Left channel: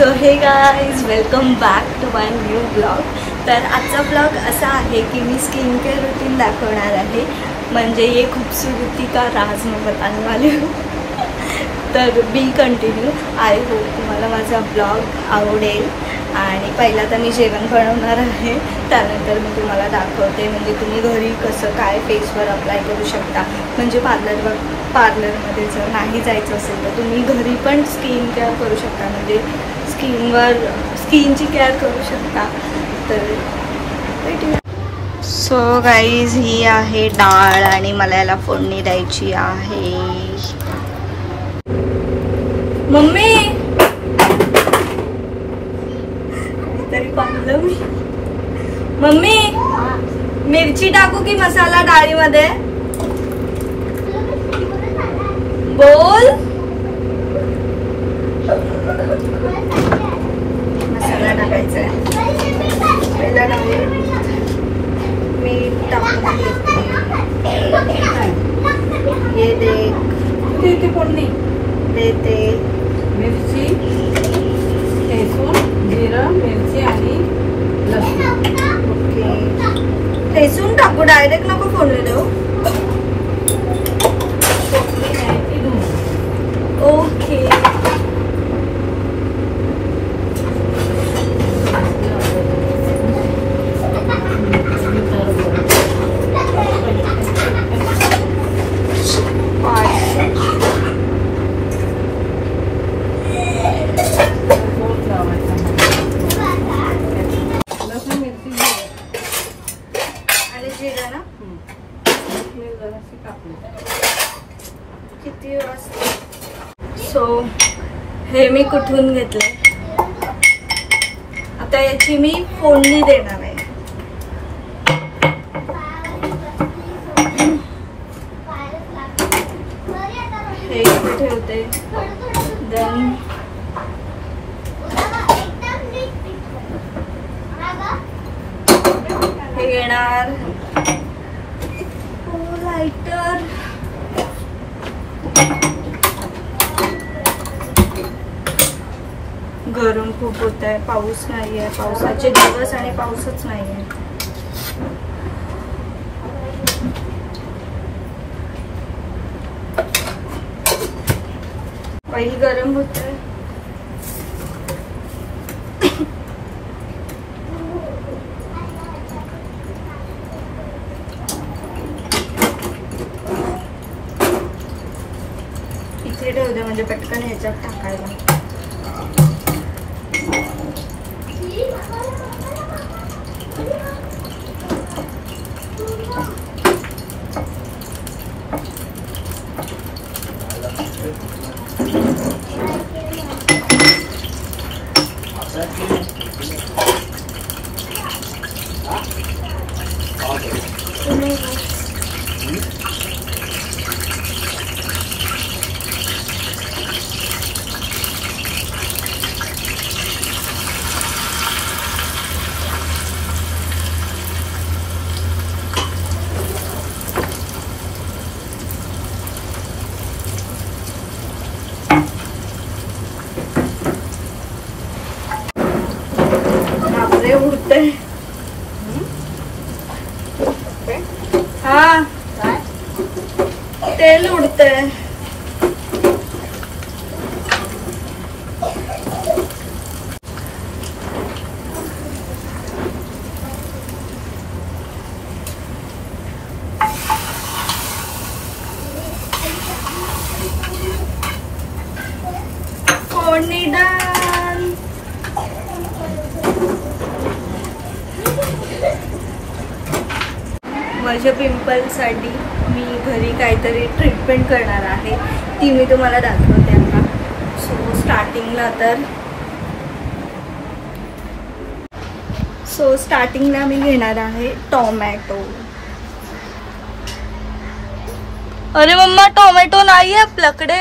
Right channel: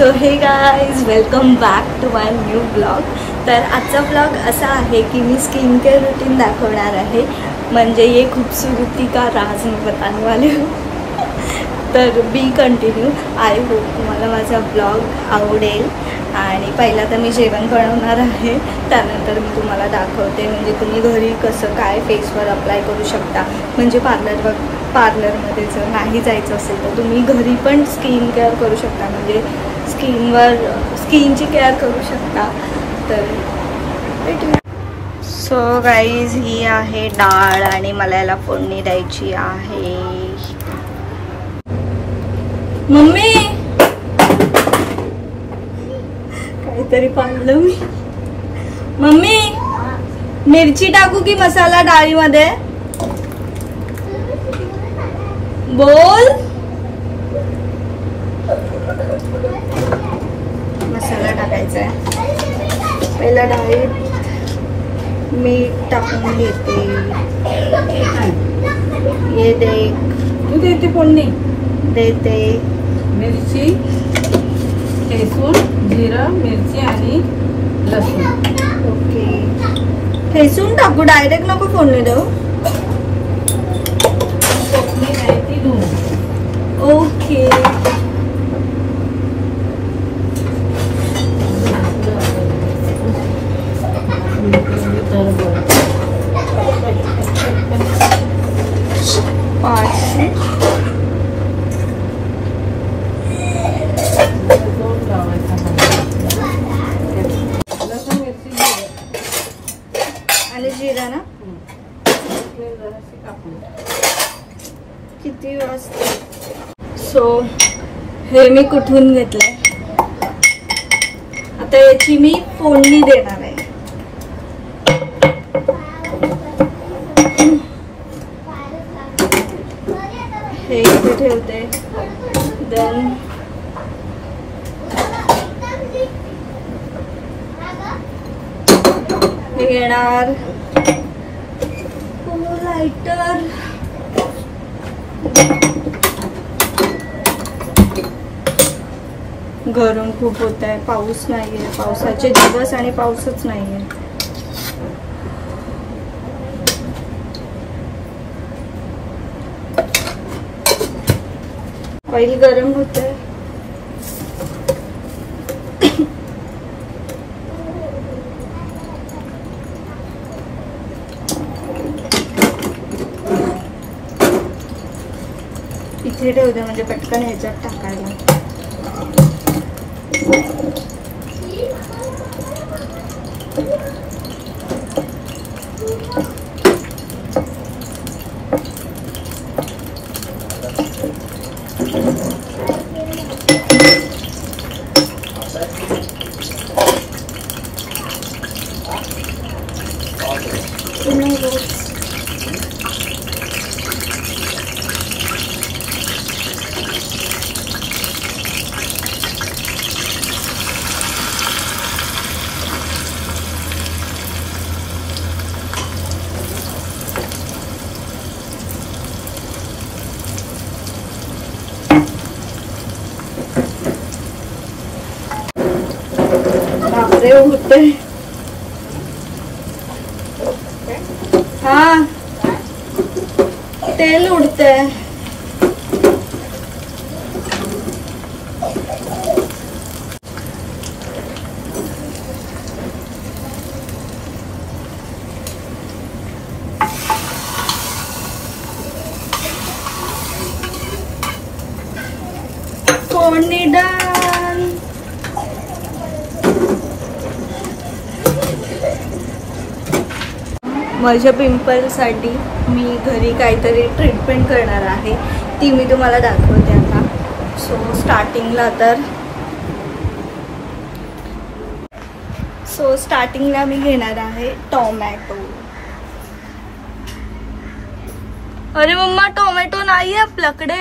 So hey guys welcome back to my new blog. तर आजचा blog असा आहे की मी स्किन केअर रूटीन दाखवणार आहे, म्हणजे ये खूबसूरती का राज मैं बताने वाली हूँ। तर बी कंटिन्यू। आय होप तुम्हाला माझा ब्लॉग आवडेल। आणि पहिला तर मी जेवण बनवणार आहे, त्यानंतर मी तुम्हाला दाखवते म्हणजे तुम्ही घरी कसं काय फेसवर अप्लाय करू शकता। म्हणजे पार्लरमध्ये जर नाही जायचं असेल तर तुम्ही घरी पण स्किन केअर करू शकता, म्हणजे स्किनची केअर करू शकता। तर भेटूया। सो गाईज ही आहे डाळ आणि मला याला फोडणी द्यायची आहे। मम्मी काहीतरी पाहिलं मी। मम्मी मिरची टाकू की मसाला डाळीमध्ये? बोल। मसाला टाकायचा आहे। पहिला डाळीत मीठ टाकून घेते। ये देते फोडणी देते। मिरची, ठेसून, जिरं, मिरची आणि लसूण। ओके, ठेसून टाकू, डायरेक्ट नको फोडणी देऊ। ओके, आणि जिरा ना किती वाजता? सो हे मी कुठून घेतलंय, आता याची मी फोडणी देणार आहे। हे इथे ठेवते। देन हे येणार लाइटर। गरम खूप होत आहे, पाऊस नाहीये, पावसाचे दिवस आणि पाऊसच नाहीये। ऑइल गरम होतंय। इथे ठेवते म्हणजे पटकन ह्याच्यात टाकायला। बापरे उडते। हाँ तेल उडते। फोडणी डाळ। माझ्या पिंपलसाठी मी घरी काहीतरी ट्रीटमेंट करणार आहे, ती मी तुम्हाला दाखवते आता। सो स्टार्टिंगला मी घेणार आहे टोमॅटो। अरे मम्मा टोमॅटो नाही है आपल्याकडे।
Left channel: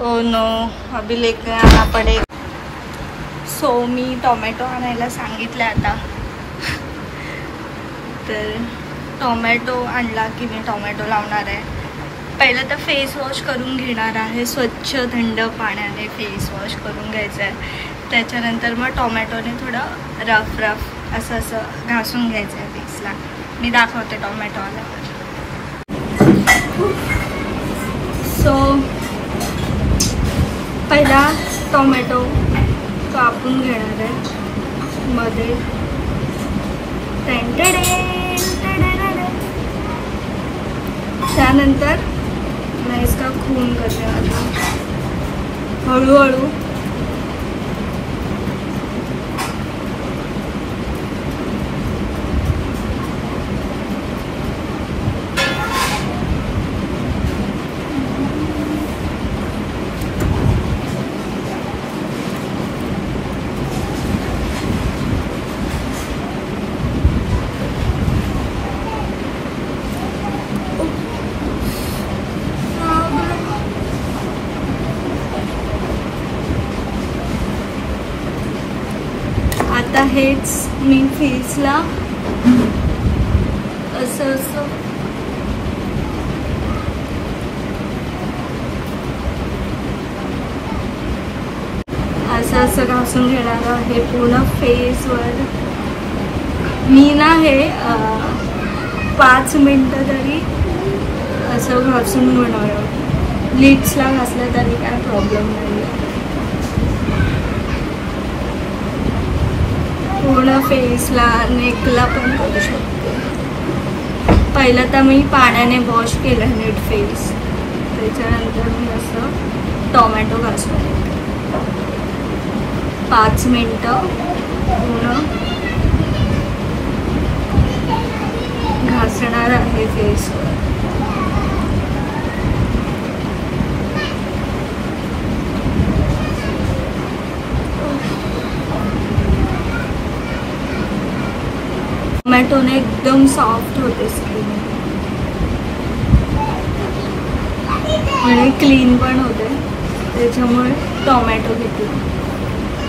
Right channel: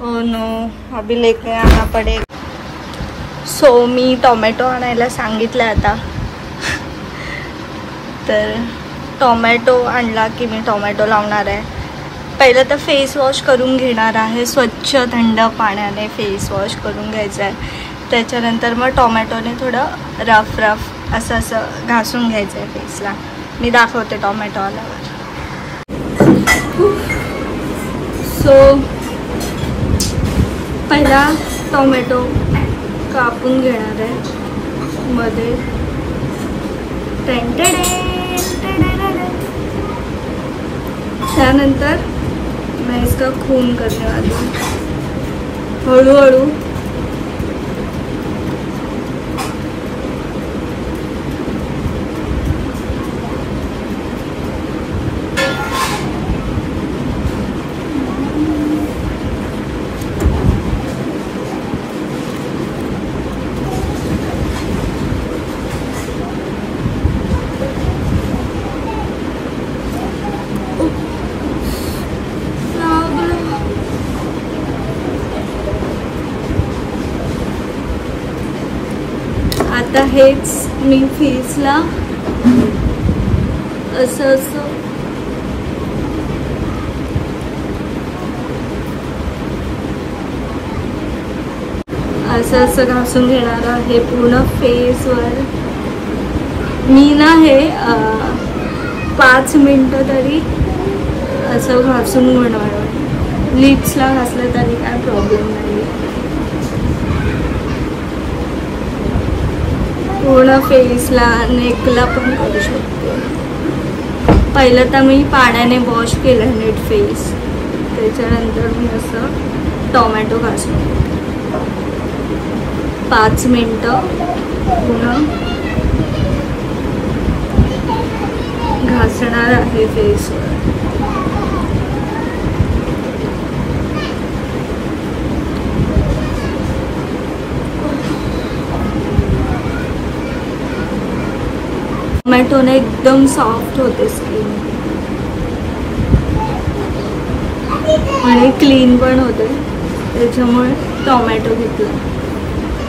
ओह नो, अभी लेके आना पडेगा। सो मी टोमॅटो आणायला सांगितलं आता। तर टोमॅटो आणला की मी टोमॅटो लावणार आहे। पहिलं तर फेस वॉश करून घेणार आहे, स्वच्छ थंड पाण्याने फेस वॉश करून घ्यायचं आहे. त्याच्यानंतर मग टोमॅटोने थोडं रफ असं घासून घ्यायचं आहे फेसला. मी दाखवते टोमॅटो आल्यावर. सो पहिला टोमॅटो कापून घेणार आहे मध्ये. त्यानंतर मैं इसका खून करने वाली हूँ हळूहळू. आता हेच मी फेसला असं घासून घेणार आहे पूर्ण फेसवर. मी ना हे 5 मिनिटं तरी असं घासून घेणार. लिप्सला घासलं तरी काय प्रॉब्लेम नाही. पूर्ण फेसला, नेकला पण करू शकतो. पहिलं तर मी पाण्याने वॉश केलं नीट फेस. त्याच्यानंतर मी असं टोमॅटो घासून घेते. 5 मिनिटं पूर्ण घासणार आहे फेसवर. टोमॅटोने एकदम सॉफ्ट होते स्किन आणि क्लीन पण होते. त्याच्यामुळे टोमॅटो घेतला.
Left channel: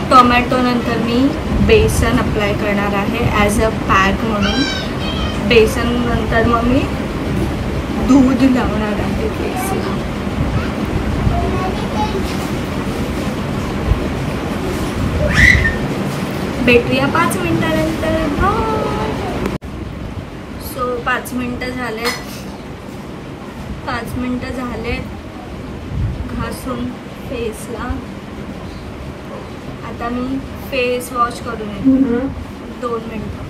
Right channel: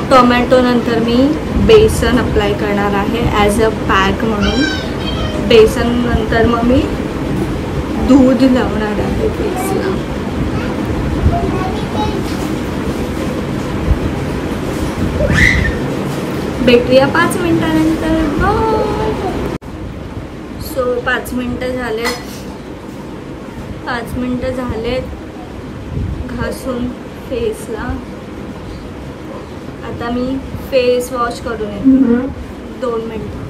टोमॅटो नंतर मी बेसन अप्लाय करणार आहे ॲज अ पॅक म्हणून. बेसन नंतर मग मी दूध लावणार आहे फेसला. भेटूया 5 मिनिटानंतर. सो 5 मिनिटं झालेत. 5 मिनिटं झालेत घासून फेसला. आता मी फेस वॉश करून येते 2 मिनिटं.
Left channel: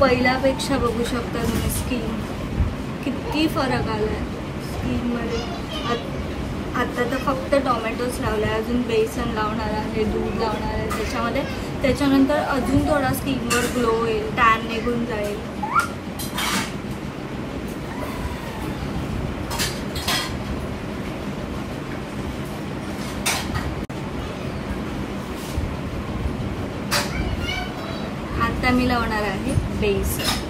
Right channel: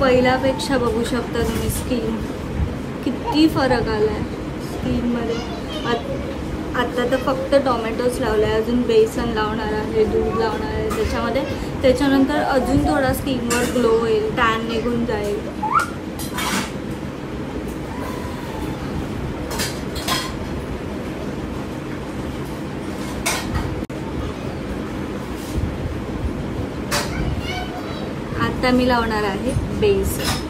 पहिल्यापेक्षा बघू शकता तुम्ही स्किन किती फरक आलाय स्किनमध्ये. आता तर फक्त टोमॅटोच लावलाय, अजून बेसन लावणार आहे, दूध लावणार आहे त्याच्यामध्ये. त्याच्यानंतर अजून थोडा स्किनवर ग्लो येईल, टॅन निघून जाईल. आता मी लावणार आहे बेसन.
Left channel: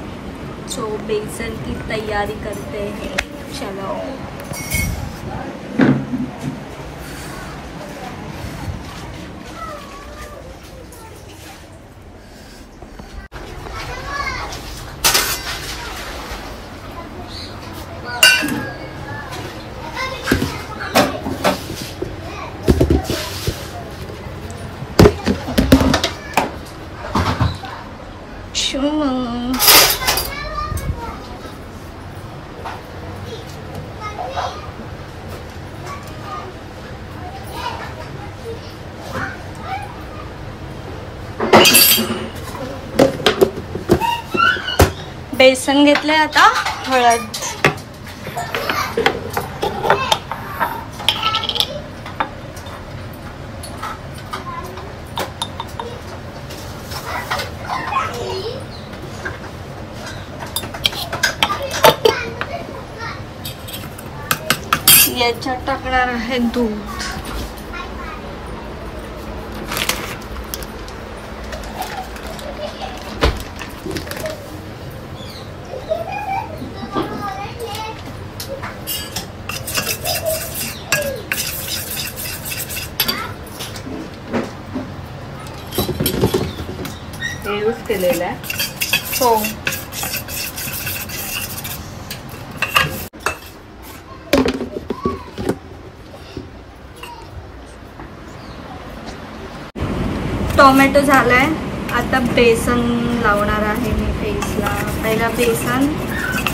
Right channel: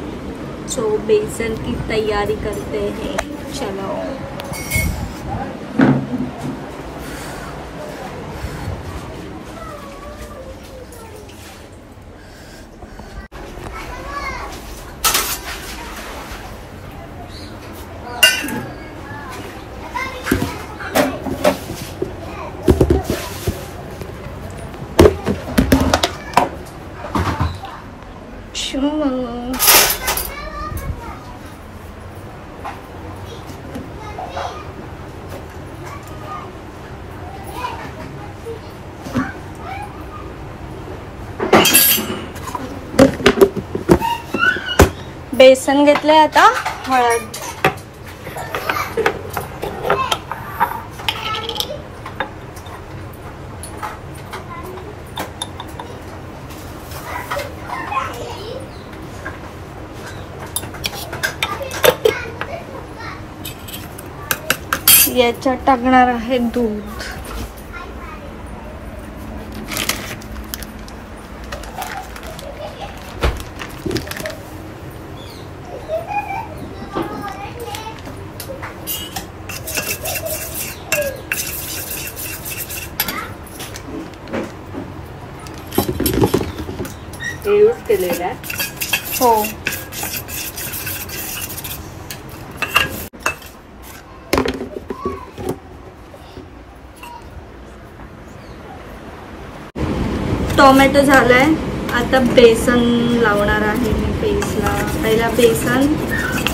सो बेसन की तैयारी करते हैं. चलो बेसन घेतले. आता हळद. याच्यात टाकणार आहे दूध. हे यूज केलेलं आहे. हो. टोमॅटो झालाय. आता बेसन लावणार आहे मी फेसला. पहिला बेसन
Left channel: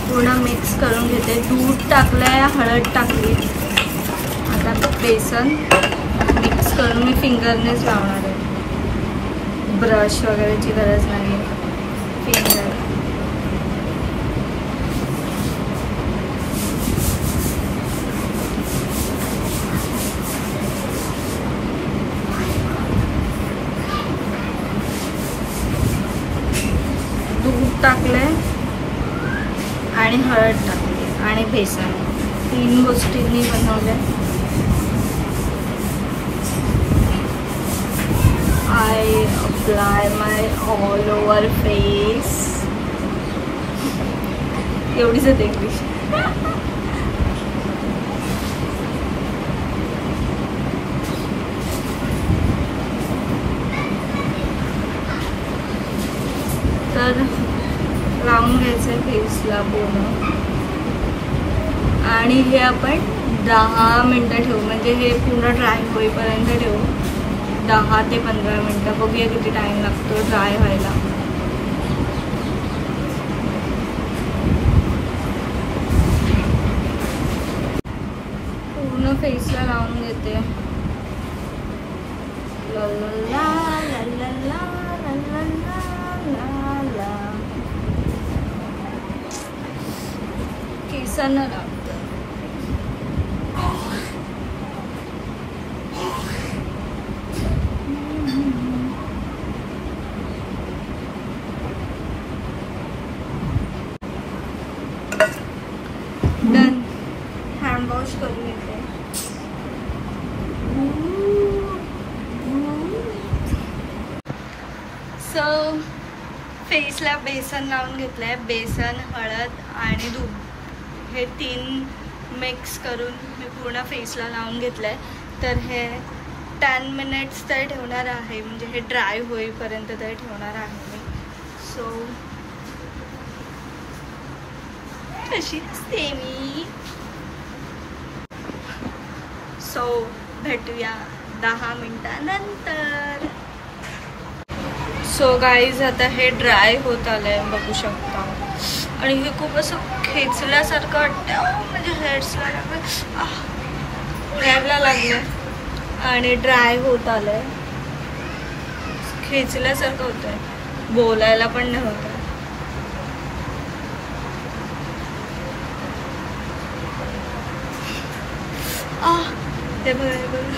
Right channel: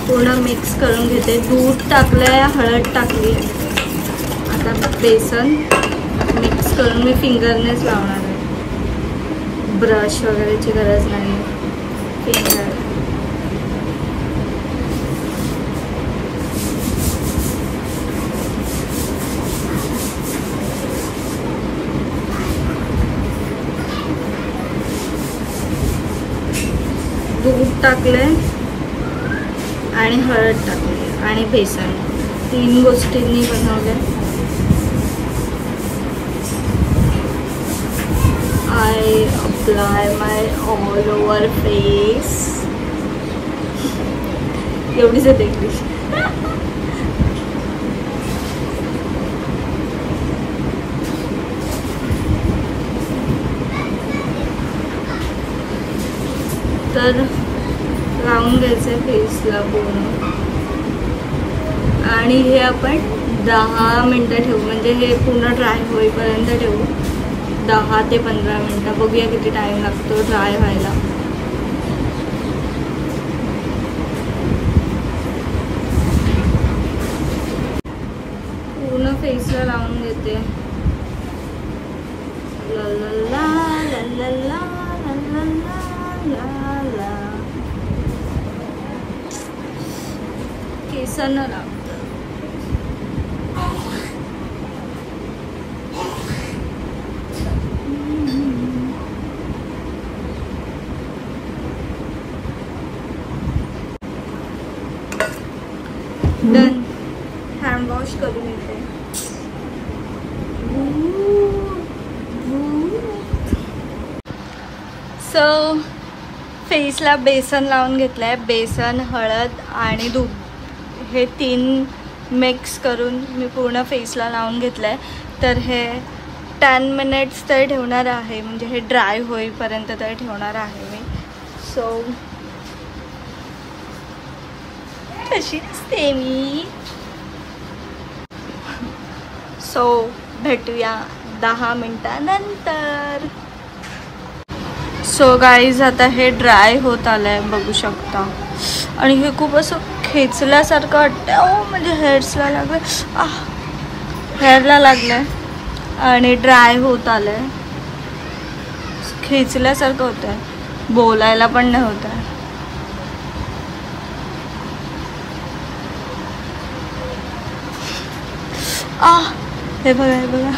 पूर्ण मिक्स करून घेते. दूध टाकलंय, हळद टाकली. आता बेसन मिक्स करून मी फिंगरनेच लावणार आहे. ब्रश वगैरेची गरज नाही. फिंगर. दूध टाकलंय आणि हळद टाकली आणि बेसन. 3 गोष्टींनी बनवलंय. I apply my all over face. एवढीच येते इंग्लिश. तर लावून घ्यायचं फेसला पूर्ण. आणि हे आपण 10 मिनिटं ठेवू. म्हणजे हे पूर्ण ड्राय होईपर्यंत ठेवू. 10 ते 15 मिनिटं. बघूया किती टाइम लागतो ड्राय व्हायला. पूर्ण फेसला लावून घेते. ला ला ला ला ला ला ला ला. केसांना लावते. डन. हँड वॉश करून घेते. सो फेसला बेसन लावून घेतलंय. बेसन, हळद आणि दूध हे 3 मिक्स करून मी पूर्ण फेसला लावून घेतलंय. तर हे 10 मिनिट्स तरी ठेवणार आहे. म्हणजे हे ड्राय होईपर्यंत तरी ठेवणार आहे मी. सो कशी असते मी. सो भेटूया 10 मिनिटानंतर. सो गाईज आता हे ड्राय होत आलंय बघू शकता. आणि हे खूप असं खेचल्यासारखं वाटतं. म्हणजे हेअर्सला लागलं. हेअरला लागलं आणि ड्राय होत आलंय. खेचल्यासारखं होतंय. बोलायला पण नाही होत. हे बघा हे बघा.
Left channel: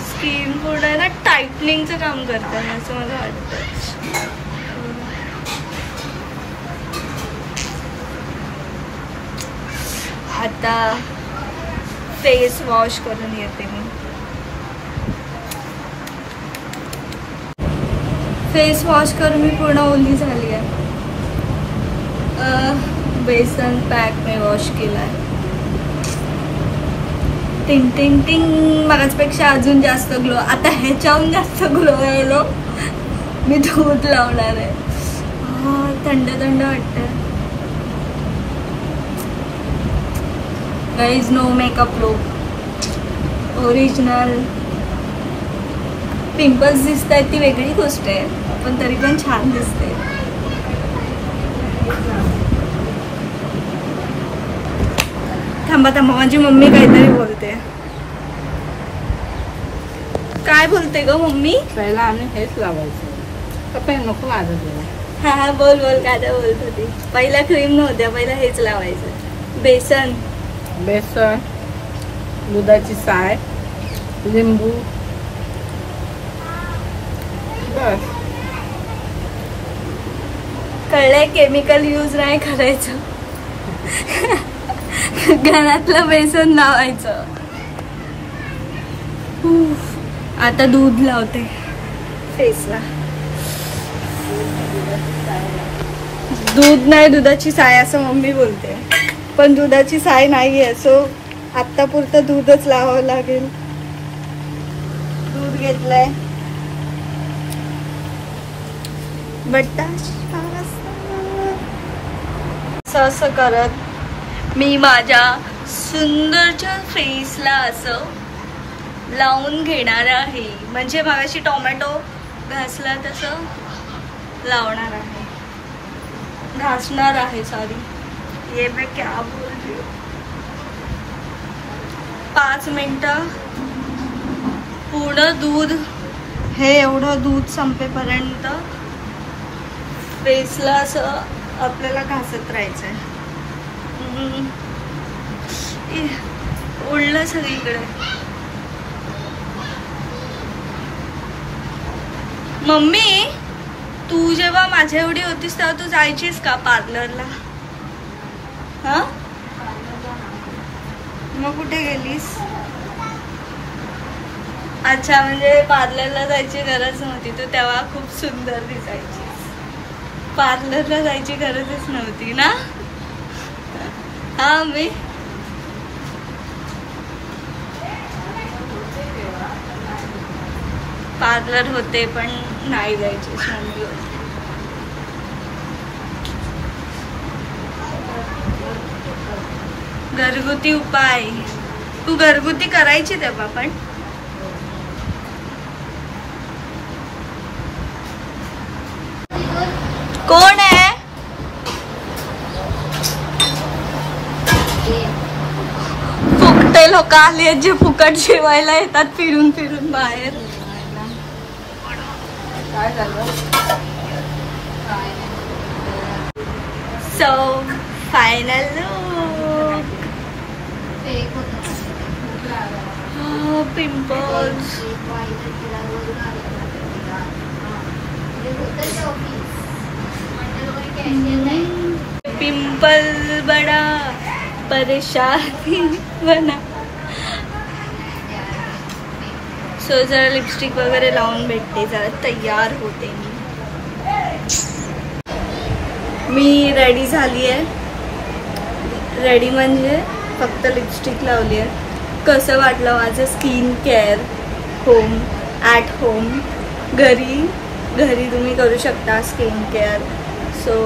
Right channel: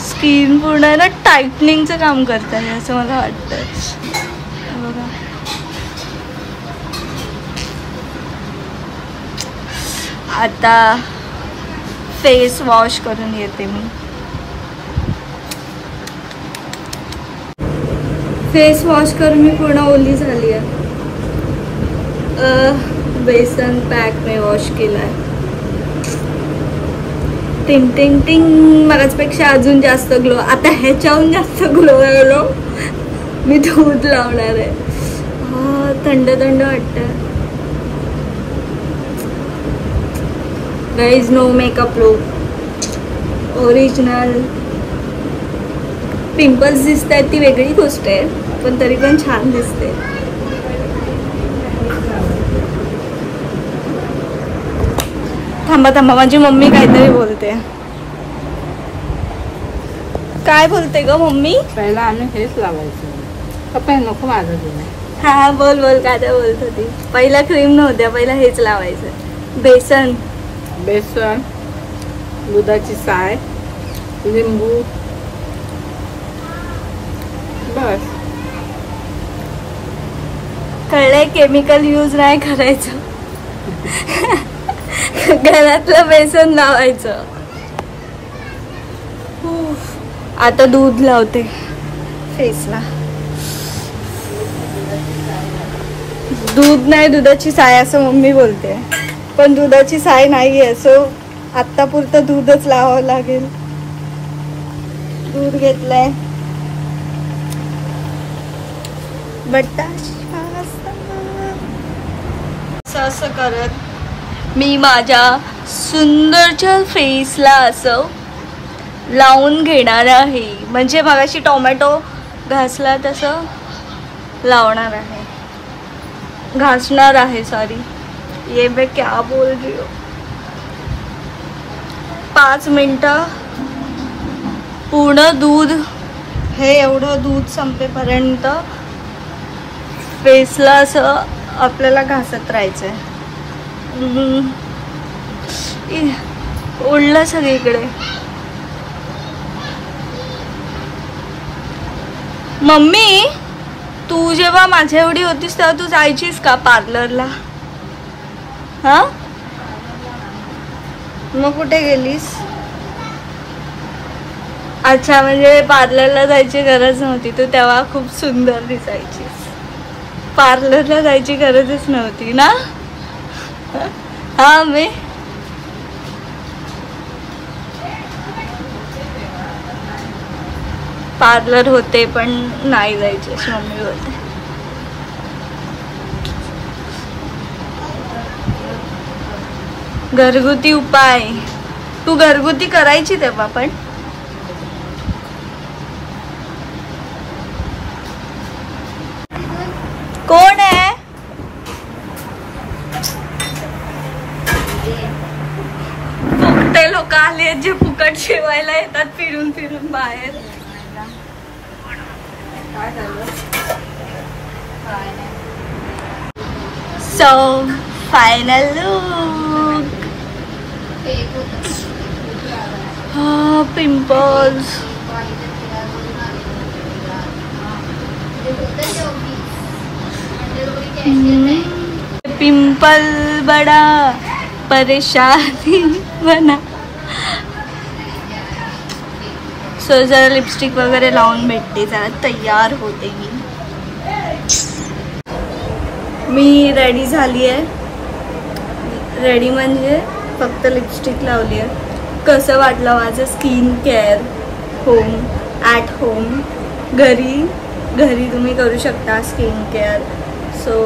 स्किन पूर्ण ना टाईटनिंगचं काम करत आहे असं मला वाटतं. आता फेस वॉश करून येते मी. फेस वॉश करून मी पूर्ण ओली झाली आहे. बेसन पॅक मी वॉश केला आहे. टिंग टिंग टिंग. मगाचपेक्षा अजून जास्त ग्लो. आता ह्याच्याहून जास्त ग्लो आलो. मी दूध लावणार आहे. थंड थंड वाटतं. Guys no makeup look. Original. Pimples दिसत आहेत ती वेगळी गोष्ट आहे. पण तरी पण छान दिसते. थांबा थांबा. माझी मम्मी काहीतरी बोलते. काय बोलते ग मम्मी. पहिला आम्ही हेच लावायचं. पण नको माझं जेवण. हा बोल बोल. काय काय बोलत होती. पहिला क्रीम नव्हत्या. पहिला हेच लावायचं. बेसन, बेसन, दुधाची साय, लिंबू, बस. कळलंय. केमिकल यूज नाही करायचं. घरातलं बेसन लावायचं. आता दूध लावते फेसला. दूध नाही दुधाची साय असं मम्मी बोलते. पण दुधाची साय नाहीये. असं आत्ता पुरतं दूधच लावावं लागेल. दूध घेतलंय. असं करत मी माझ्या सुंदरच्या फेसला असं लावून घेणार आहे. म्हणजे मगाशी टोमॅटो घासला तसं लावणार आहे, घासणार आहे. सॉरी, ये मैं क्या बोल रही हूँ. 5 मिनिटं पूर्ण दूध, हे एवढं दूध संपेपर्यंत फेसला असं आपल्याला घासत राहायचंय. ओढलं सगळीकडे. मम्मी, तू जेव्हा माझ्या एवढी होतीस तेव्हा तू जायचीस का पार्लरला? हा, मग कुठे गेलीस? अच्छा, म्हणजे पार्लरला जायची गरज नव्हती, तू तेव्हा खूप सुंदर दिसायचीस. पार्लरला जायची गरजच नव्हती ना. हा, मी पार्लर होते पण नाही जायचे, मम्मी होते. घरगुती उपाय तू घरगुती करायची तेव्हा पण. कोण आहे? फुकटे लोक आले जे फुकट जेवायला येतात फिरून फिरून बाहेर. So final look. Pimples. Pimple बड़ा परेशानी बना. सो जरा लिपस्टिक वगैरे लावून भेटते, जरा तयार होते मी रेडी झाली आहे. रेडी म्हणजे फक्त लिपस्टिक लावली आहे. कसं वाटलं माझं skin care home at home? घरी तुम्ही करू शकता स्किन केअर. सो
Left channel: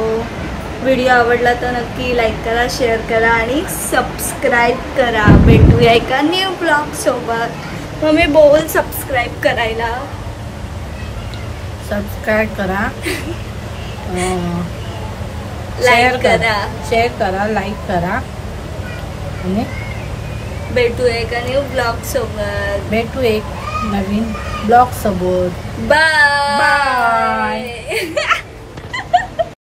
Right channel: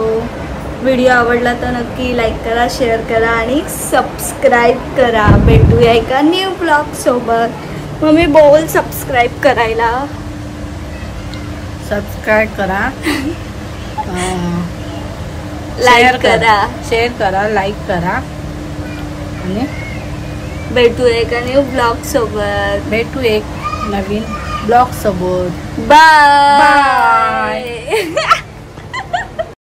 व्हिडिओ आवडला तर नक्की लाईक करा, शेअर करा आणि सबस्क्राईब करा. भेटूया एका न्यू ब्लॉग सोबत. मम्मी बोल सबस्क्राईब करायला. सबस्क्राईब करा, लाईक करा, शेअर करा, लाईक करा आणि भेटूया एका न्यू ब्लॉग सोबत. भेटू एक नवीन ब्लॉग सोबत. बाय.